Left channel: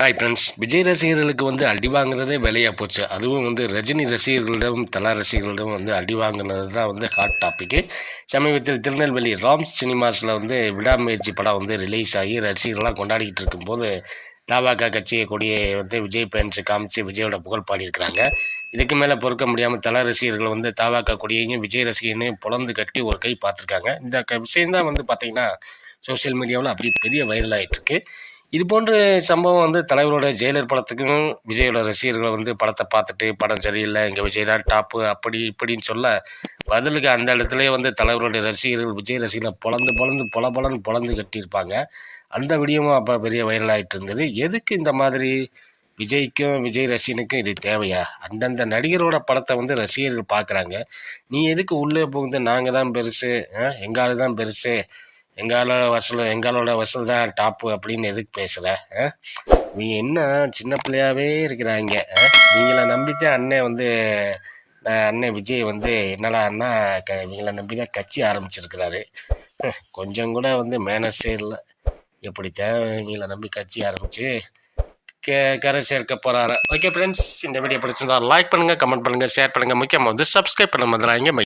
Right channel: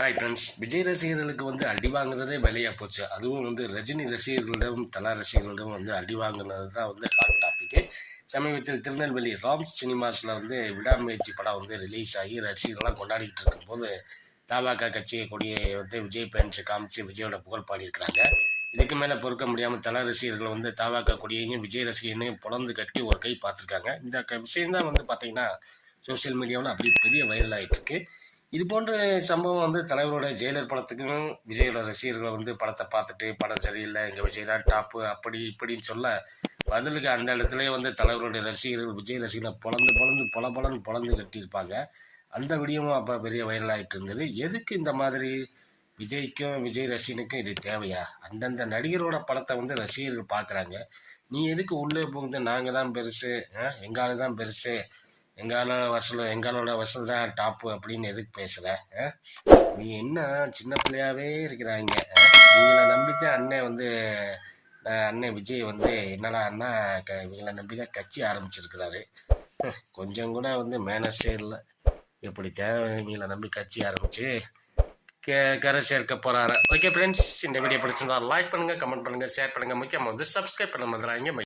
Hi friends Vijay ரசிகர்களுக்கு வந்து அடி வாங்குறதே வேலையாக போச்சு. அதுவும் வந்து ரஜினி ரசிகர்களிடம் தலா ரசிகர்களிடம் வந்து அடி வாங்குனது தான் வந்து ஹாட் டாப்பிக்கு சமீபத்தில் திருநெல்வேலி ராம்ஸ் சினிமாஸில் வந்து விடாமுயற்சி படம் வந்து ரிலீஸ் ஆகி ரசிகர்கள்லாம் கொண்டாடிக்கிட்டு இருக்கும்போது தபாக கட்சியை கொடியை வந்து விஜய் பேன்ஸ் காமிச்சு விஜயோட புகழ் பாடியிருக்கிறாங்க. இதுக்கு மேலே பொறுக்க முடியாமல் தல ரசிகர்கள் வந்து தபாக கொடியையும் விஜய் ரசிகனையும் புலந்து கட்டி ஒரு கை பார்த்துருக்காங்க. இந்த க விஷயம்தான் வந்து பார்த்திங்கன்னா சோஷியல் மீடியாவில் அப்படியே பெரிய வைரல் ஆகிட்டுருக்கு இது போன்ற சம்பவம் வந்து தலைவரோட ஜெயிலர் படத்துக்கும் விஜயோட ரசிகர்களை வந்து படத்தை பார்த்துட்டு படம் சரியில்லை இங்கே விஜய் தான் டாப்பு அப்படி இப்படின்னு சொல்ல பதிலுக்கு அந்த இடத்துலேயே வந்து தலைவருடைய ரசிகர்கள் விஜய் ரசிகர்களை பொழந்து பொழந்து பொல பொலன்னு பொழந்து கட்டியிருப்பாங்க. அந்த வீடியோவும் அப்போ பெரிய வைரல் ஆகிட்டு இருந்தது. எதுக்கு இந்த மாதிரி விஜய்க்கும் விஜய் ரசிகனுக்கும் இது தேவையா? அந்தந்த நடிகரோட படத்தை வந்து ரசிகர்கள் பார்க்குறாங்க. நீ எதுக்கு உள்ளே புகுந்து நாங்கள் தான் பெருசு எங்கால் தான் பெருசு எங்களோட வசூல் எங்களோட வசூல் தான் டாப்பு அப்படின்னு எதுக்கு பேசுகிற நீ என்ன சின்ன பிள்ளையாவே இருக்கிறாங்க நீங்கள நம்பிட்டு அண்ணன் வந்து அண்ணன் விஜய் வந்து என்னடா அண்ணா க இவங்களை நம்பி தான் கட்சி ஆரம்பிச்சிருக்கிறாரு. கொஞ்சம் கூட வந்து மேனஸே இல்லை. எப்படித்தான் இவங்களை நம்பி கட்சி ஆரம்பித்து க கரை சேர்க்க போகிறாரு ஓகே ஃப்ரெண்ட்ஸ் இந்த வீடியோ பிடிச்சிருந்தா லைக் பண்ணுங்கள் கமெண்ட் பண்ணுங்கள் ஷேர் பண்ணுங்கள் முக்கியமாக வந்து சப்ஸ்கிரைப் பண்ண மாதிரி